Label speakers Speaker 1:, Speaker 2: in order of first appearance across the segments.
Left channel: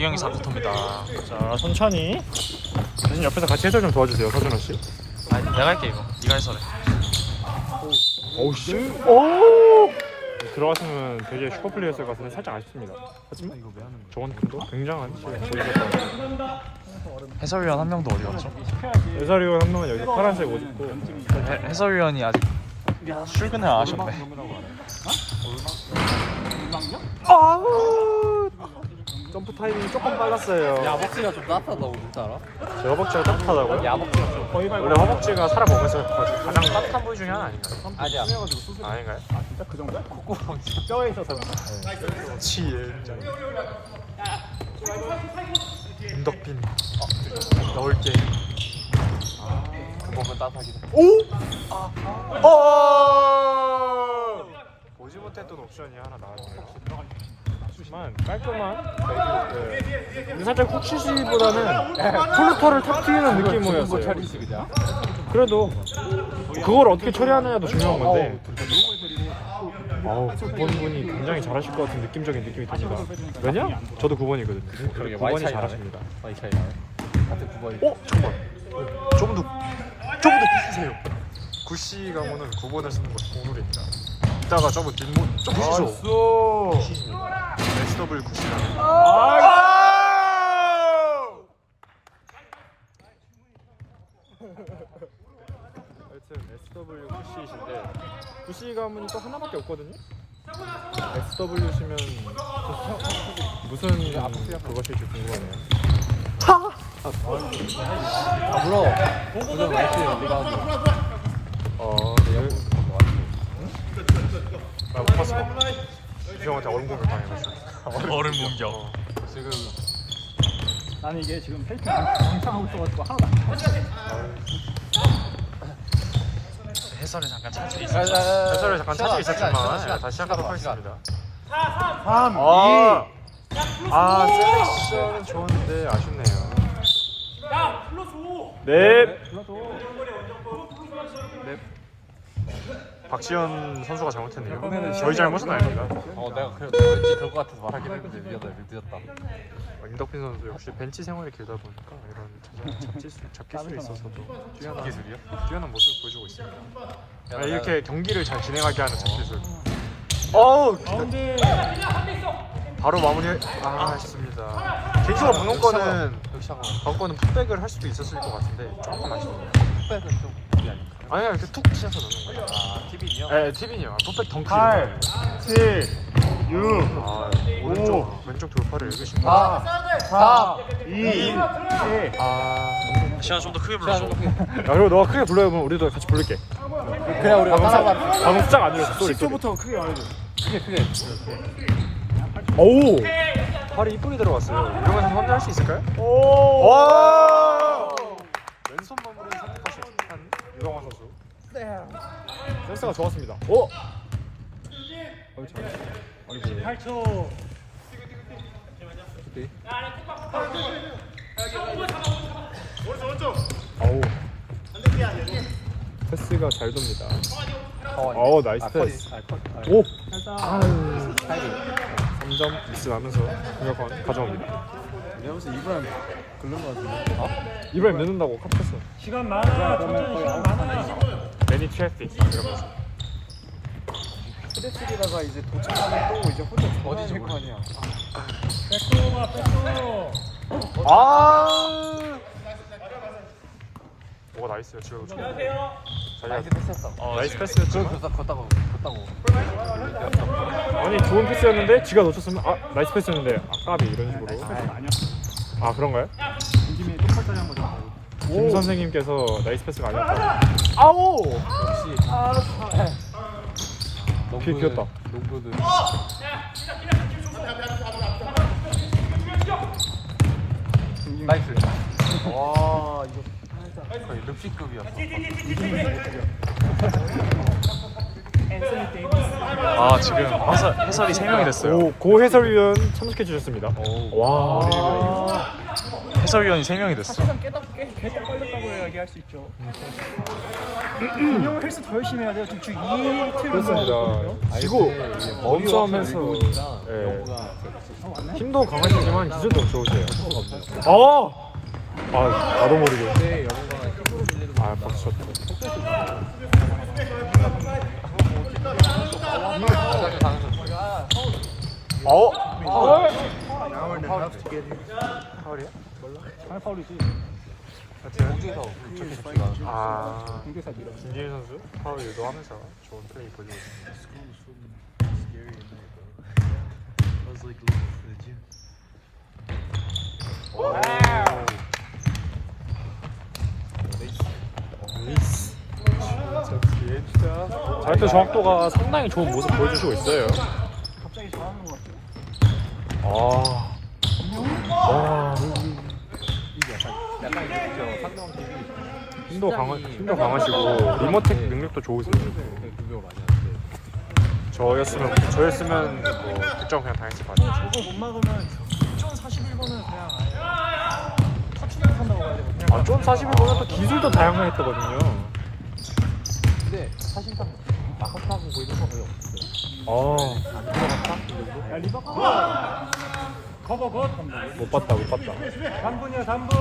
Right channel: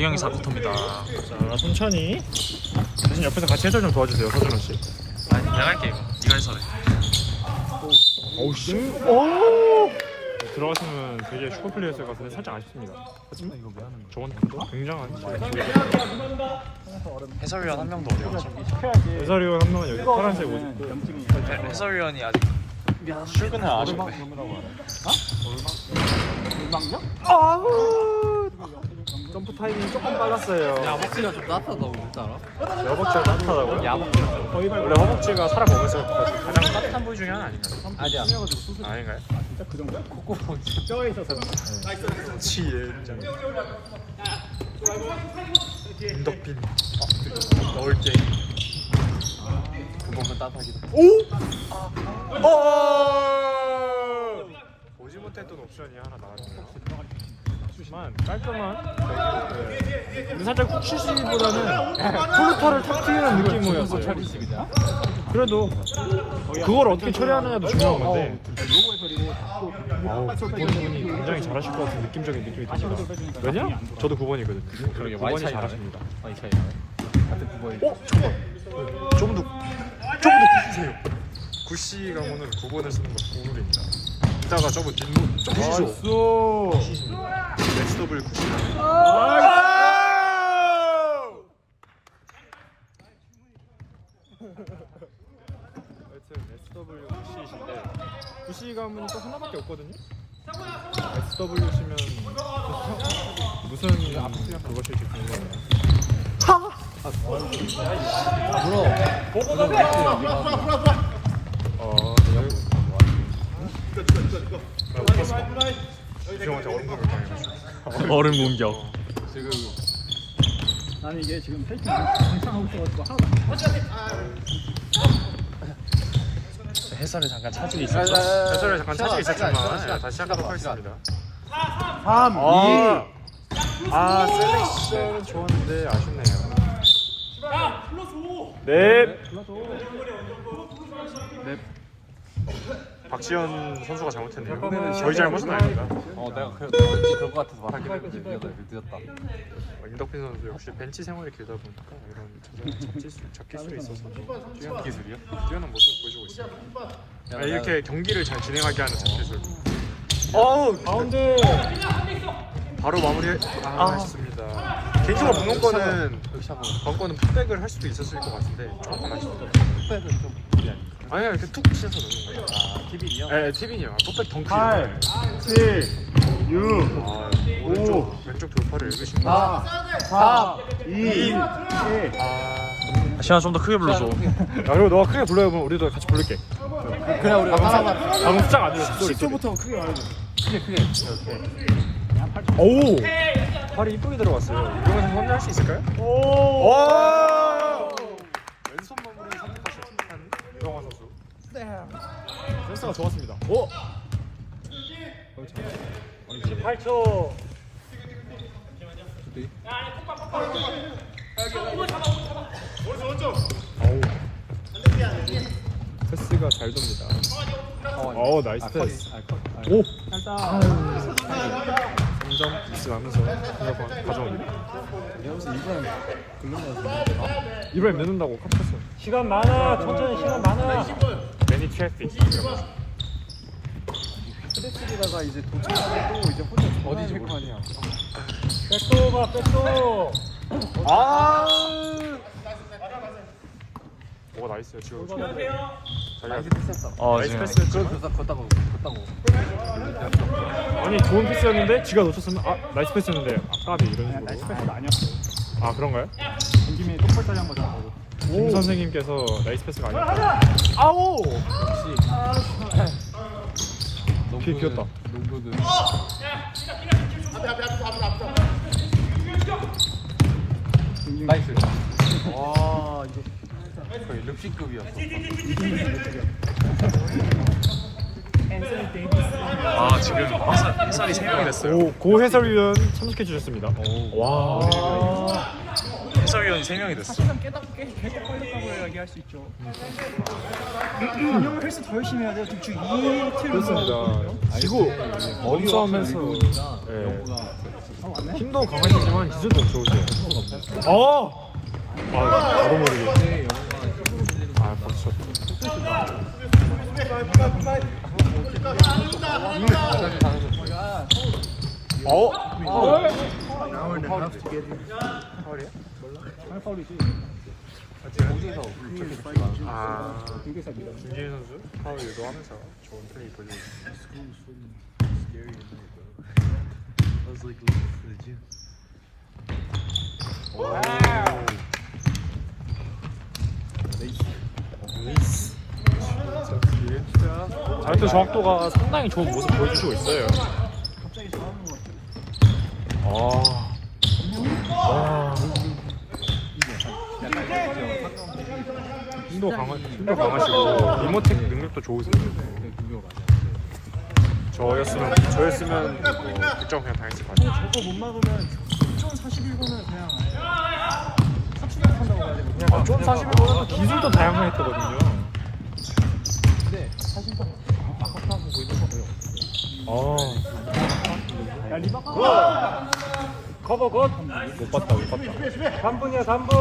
Speaker 1: 대경이 4쿼터입니다.
Speaker 2: 자, 천천히. 선생님 옆에서 같이 해설 좀 도와주세요, 서준호 씨.
Speaker 1: 아니 내가 할게 이거. 네가 해설해.
Speaker 2: 오우 씨. 오! 들어갔으면 되게 슈퍼플레이였을 것 같은데 살짝 아쉽습니다. 하지만 이거 왜 하는 거야? 저건 또 굉장한
Speaker 1: 해설위원 한 명도 없죠.
Speaker 2: 해설위원 한 명은 여기 파란색 옷.
Speaker 1: 해설위원이 아직
Speaker 3: 최근에 오르막염이라고 알아요? 오르막염?
Speaker 2: 점프 타이밍이 조금 빨랐어요.
Speaker 3: 야박지가 좀 따뜻하다고 그랬지 않아?
Speaker 2: 여박지가 따뜻하다고?
Speaker 3: 거의 밟아.
Speaker 2: 여박지가 살아보면서
Speaker 1: 가장 따뜻한 분 중에 하나 아닌가요?
Speaker 3: 아니야.
Speaker 1: 아닌가요?
Speaker 3: 진짜 그 정도야? 뼈에 있어서 그런가?
Speaker 1: 7 인덕빈 넣을게.
Speaker 3: 그 부분 따뜻하게.
Speaker 1: 보지 못했던 옵션이 하나 나와.
Speaker 2: 깔끔한. 근데 살짝 훅슛보다는 플루터를 탁 튀는 느낌이었어요. 그래도 그걸 어떻게 처리하느냐도 중요한 건데. 그분이 굉장히 잘하실 것 같은 느낌적인 느낌이 듭니다. 왜냐? 저도 9번이거든요.
Speaker 3: 그러게, 많이
Speaker 2: 9번이
Speaker 3: 차이 나네.
Speaker 2: 잘하십니다.
Speaker 3: 많이 차이 나네.
Speaker 1: 좀 더 크세요. 구씨 가문은 9번에 쓰는 거 보물입니다. 이따가 저거 뒷문 구시죠. SW 구시.
Speaker 2: SW 구시 가문이 또 하나밖에 없거든요. SW시면 무슨 그것일지 궁금해요.
Speaker 1: 형한테 얼음 공격.
Speaker 3: 지금 아니 이게 지금 페이크 괜찮하고 있어가지고 하나도
Speaker 1: 해설에 잠깐 차질이 있었죠. 해설에 잠깐 차질이 있었지만 다시 시작하도록 하겠습니다.
Speaker 2: 3, 2.
Speaker 1: 네.
Speaker 2: 좋은데 아쉽네요. 네.
Speaker 1: 네. 박지현 선수가 잘못했네요. 저희 잘못은 아닙니다.
Speaker 3: 내가 왠지 그럴 것 같아서 말하긴 했는데 늦었다.
Speaker 1: 임덕빈 선수 역시 벤치 생활이 길다 보니까 이런 잡힐 수 있어서 뛰어난 모습을 보여주고 있습니다. 이렇게 경기를 잘 진행하게 하는 잡기술.
Speaker 2: 가운데.
Speaker 1: 바로 마무리. 아쉽습니다. 개인적으로 방금거는 풋백을 할 수도 있었을 것 같은데 조금 아쉽다. 아니야 이렇게 툭 치셔서
Speaker 3: TV요?
Speaker 1: 네 티빈이요. 풋백 덩크.
Speaker 2: 8, 7, 6, 5,
Speaker 1: 왼쪽 돌파를 읽으시면
Speaker 2: 4, 4, 2, 1.
Speaker 1: 시간 좀 더 크게 불러줘.
Speaker 2: 야, 그리고 너가 크게 불러요. 그럼 우리도 같이 부를게.
Speaker 3: 그냥 우리가
Speaker 2: 방금 숫자가 안 들렸어. 소리.
Speaker 3: 10초부터 크게 말해줘. 크게.
Speaker 2: 오우.
Speaker 1: 발이 이쁘게 들어갔어요. 이건 혼자 할 수 있을까요?
Speaker 2: 오.
Speaker 1: 와! 왼손 마무리 성공하신
Speaker 2: 유광환 선수. 네. 센스가 좋았습니다. 오. 8초. 아우. 패스가 잘 됩니다. 아우 나이스 패스. 오. 3점 미스 나면서 가져갑니다.
Speaker 3: 내가 무슨 이번 긁는 거 같은데.
Speaker 2: 이번에 넣는다고 컷했어.
Speaker 3: 시간 많아. 천천히 시간 많아.
Speaker 2: 레디 트래픽.
Speaker 3: 프레스리가가 이제 도착하고 이제 어디 줄 거냐.
Speaker 2: 오 나이스요 지금.
Speaker 3: 나이스 패스였어.
Speaker 2: 나이스 패스.
Speaker 3: 걷다 보고.
Speaker 2: 아니 좋은 패스였는데 지가 놓쳤으면 나이스 패스였는데 까비 이런 식으로.
Speaker 3: 나이스 패스가 아니었어.
Speaker 2: 아 그런가요?
Speaker 3: 김에 똑팔다리 한 거잖아.
Speaker 2: 김 선생님께서 나이스 패스가 아니라. 아우. 길 비었다.
Speaker 3: 농구는. 나이스. 와 이거 거의 릅식급이었어.
Speaker 1: 지금 해설이 3명 됐어요.
Speaker 2: 오, 고 해설위원 참석해 주셨습니다. 와.
Speaker 1: 해설위원이 3명이 됐어.
Speaker 3: 사실은 계속 걸렸다고 이야기할 수 있죠. 헬스 더 열심히 해야 돼. 주 2일
Speaker 2: 그렇습니다. 지고 몸싸움에서 힘도 강하시지만 기술도 좋으세요. 나도 모르게. 박수.
Speaker 3: 파울이지.
Speaker 1: 김진희 선수 파울 유도하면서 좋은 플레이 보여주고
Speaker 2: 자유투 정확도가 상당히 좋은 모습 보여주시고 있어요.
Speaker 3: 갑자기 좋아하는 것 같아.
Speaker 2: 힘도 강하시고 리모텍 능력도 좋으세요. 저였으면
Speaker 1: 득점 그냥 다 했을 것 같아요.
Speaker 3: 못 막으면 41분은 그냥
Speaker 2: 좀 45도 기술도 다양했거든요.
Speaker 3: 야 리바가
Speaker 2: 못 봤다.
Speaker 3: 3분이야 3분.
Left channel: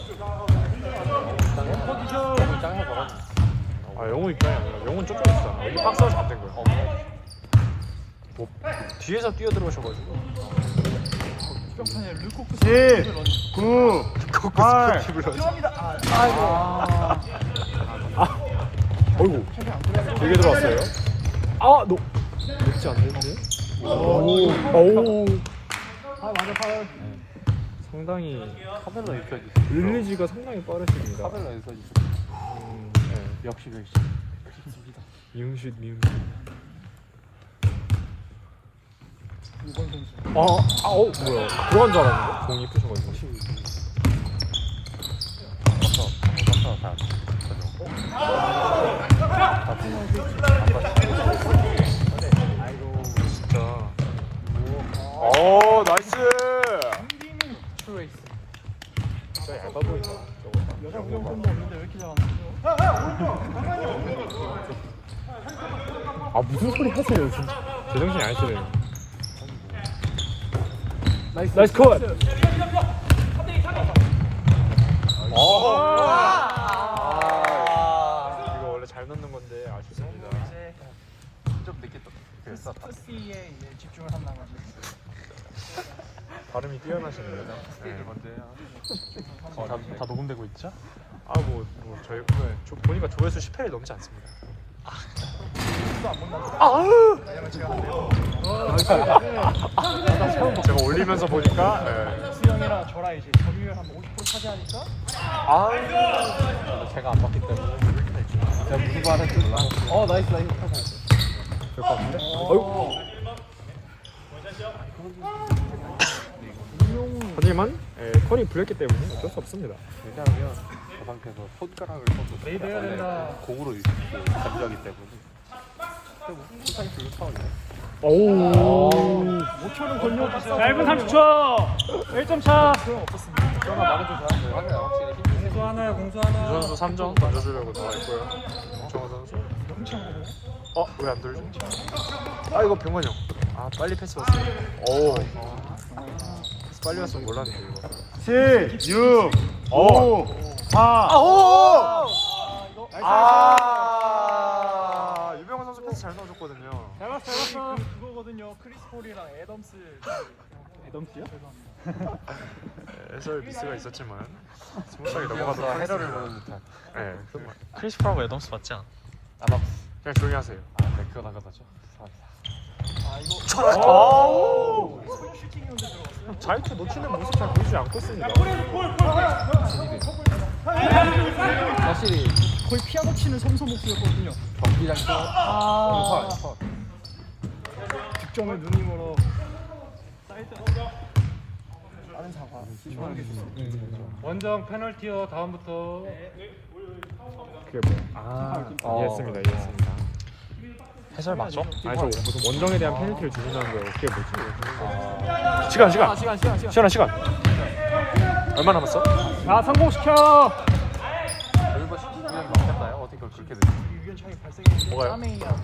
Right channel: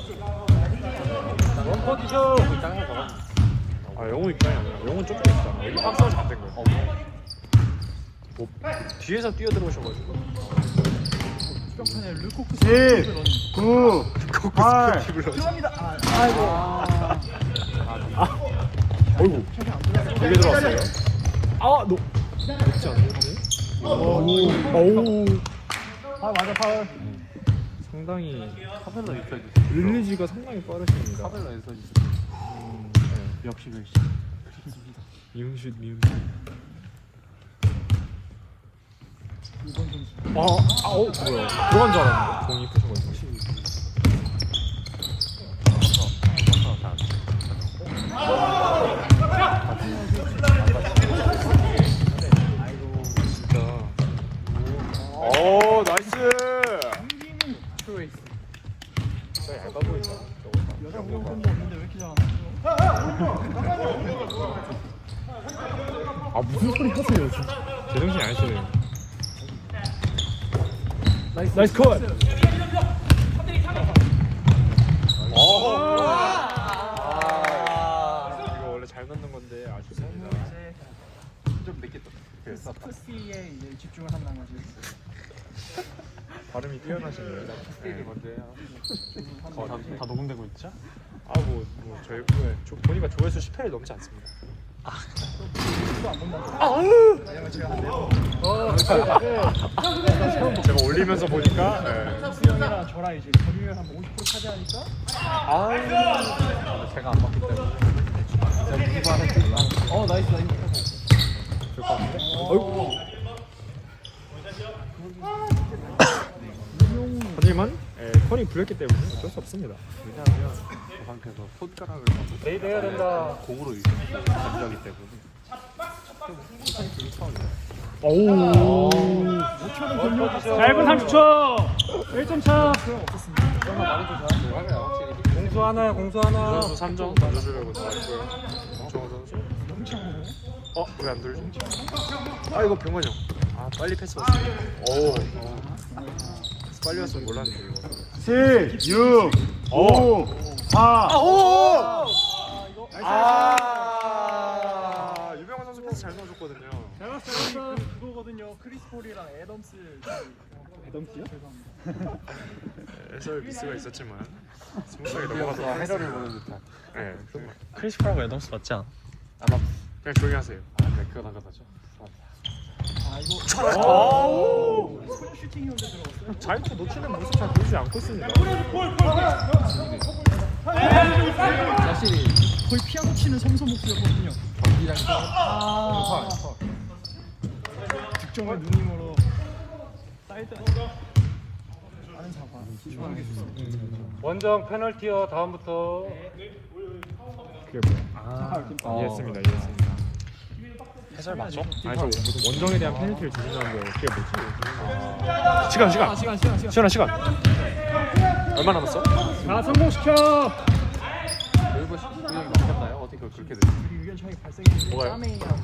Speaker 2: 영웅은 좀
Speaker 1: 박수가 잘된 거. 뒤에서 뛰어들어오셔가지고
Speaker 4: 10, 9, 8.
Speaker 2: 아이고 되게 들어왔어요. 너 그렇지 않는데? 오.
Speaker 3: 맞아 파울.
Speaker 2: 상당히 릴리지가 상당히 빠르십니다.
Speaker 4: 역시
Speaker 2: 미음슛.
Speaker 3: 이번 선수.
Speaker 2: 뭐야? 들어간 줄 알았는데 공이 푸신 거죠.
Speaker 1: 나이스.
Speaker 3: 여자 구경꾼도 있는데 왜 이렇게 잘하나?
Speaker 2: 무슨 소리 하세요? 제정신이 아니세요. 나이스 컷.
Speaker 1: 이거 원래 잘 넣는 건데 아쉽습니다. 좀 늦게 됐어.
Speaker 3: 스피에 이제 집중을 한다는 거지.
Speaker 1: 발음이 뛰어나시네요.
Speaker 2: 다 녹음되고 있죠?
Speaker 1: 저희 보니까 조회수 10회를 넘지 않습니다. 제가 올리면서 보니까
Speaker 3: 수영이랑 저랑 이제 점유율 한 50% 차지하니까
Speaker 1: 제가 안 봤기 때문에
Speaker 3: 나이스.
Speaker 2: 하지만 턴이 불렸기 때문에 어쩔 수 없습니다.
Speaker 4: 왜냐하면 저 상태에서 손가락을 공으로 감지하기 때문에
Speaker 2: 오.
Speaker 3: 5초를 건너갔어.
Speaker 2: 1분 30초. 1점 차. 공수 하나.
Speaker 1: 선수 3점 던져주려고 도와주고요. 정우 선수. 왜 안 돌죠? 이거 병원이요. 빨리 패스 왔어요. 빨리 왔으면 몰랐는데.
Speaker 4: 7, 6, 5, 4.
Speaker 1: 유명한 선수 패스 잘 넣어줬거든요.
Speaker 3: 그거거든요. 크리스 폴이랑 애덤스. 애덤스요?
Speaker 1: 해설 미스가 있었지만 스무스하게 넘어가서
Speaker 4: 헤러를 보는 듯한.
Speaker 1: 네,
Speaker 5: 크리스 프라고 애덤스 맞지 않아?
Speaker 1: 그냥 조용히 하세요.
Speaker 4: 그거 나가다죠.
Speaker 2: 자유투 놓치는 모습 잘 보지 않겠습니다.
Speaker 3: 거의 피아노 치는 선수 목소리였거든요. 득점을 누님으로 사이드
Speaker 6: 원정 페널티요. 다음부터
Speaker 2: 이해했습니다.
Speaker 5: 해설 맞죠?
Speaker 2: 아니 저 무슨 원정에 대한 페널티를 주신다는 거 그게 뭐지? 시간
Speaker 5: 얼마 남았어?
Speaker 3: 자 성공시켜.
Speaker 4: 이거 시키면 되나요? 어떻게 그렇게 되지?
Speaker 5: 뭐가요?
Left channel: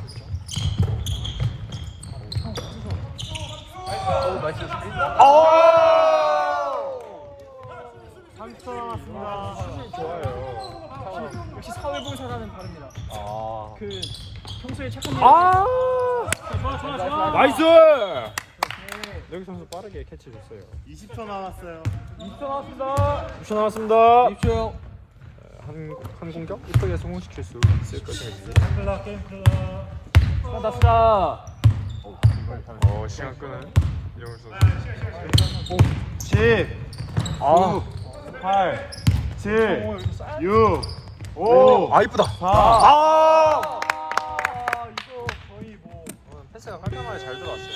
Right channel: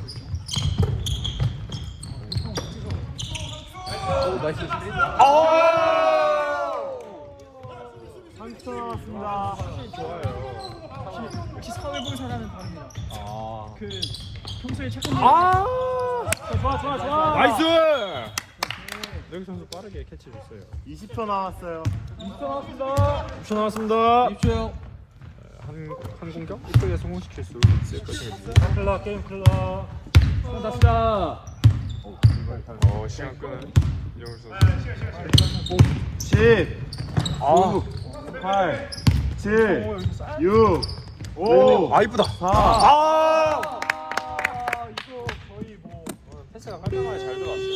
Speaker 4: 남았습니다.
Speaker 3: 역시 사회봉사라는 다릅니다.
Speaker 2: 아
Speaker 3: 그 평소에 체크.
Speaker 2: 아!
Speaker 3: 좋아.
Speaker 2: 나이스! 여기 선수 빠르게 캐치했어요.
Speaker 4: 20초 남았어요.
Speaker 3: 2초 나왔습니다.
Speaker 2: 6초 남았습니다.
Speaker 3: 2초요.
Speaker 2: 한 공격 이쁘게 성공시킬 수 있을 것 같습니다.
Speaker 3: 게임 클라. 나왔다.
Speaker 1: 시간 끄는 이영훈 선수.
Speaker 4: 10, 9, 8, 7, 6, 5,
Speaker 5: 이쁘다.
Speaker 4: 4.
Speaker 5: 패스가 깔끔하게 잘 들어왔어요.